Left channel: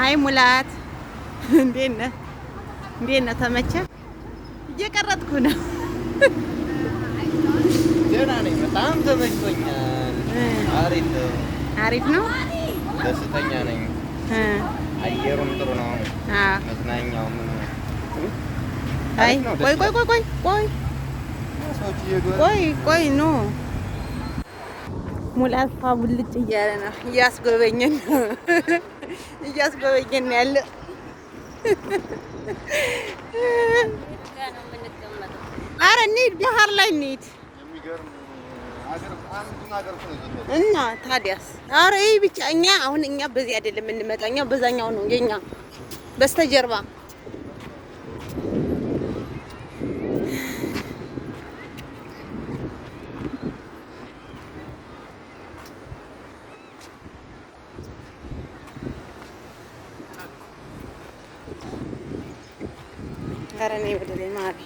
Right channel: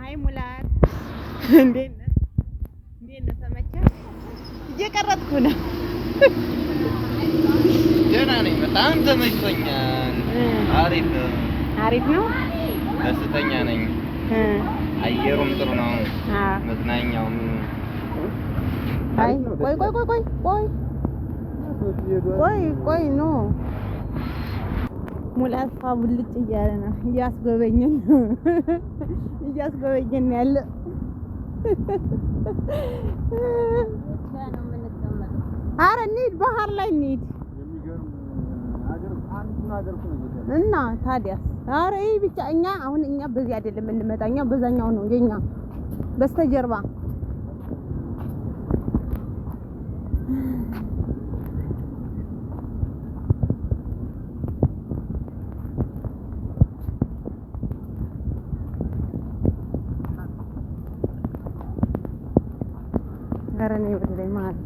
አይ ሙላት እንዴት ነህ? እንዴት ነህ? ተመቸህ? እየቀረጥኩ ነው። ደህና ነኝ። በጣም ተመችቶኛል። አሪፍ ነው። አሪፍ ነው። ደስተኛ ነኝ። አየሩም ጥሩ ነው። መዝናኛውም አይ ቆይ ኑ ሙላት ፋቡልጭ እያለ ነው። እያስጎበኘን ነው ያለ። ኧረ እንሂድ፣ ባህር ላይ እንሂድ እና ታዲያስ። ኧረ ይሄ ብቻ እኛ በዚህ አይደለም የምንመጣ፣ እኛ በዛኛው ነው የኛ በስተጀርባ ኧረ ነይ ወደ ላይ ማሪ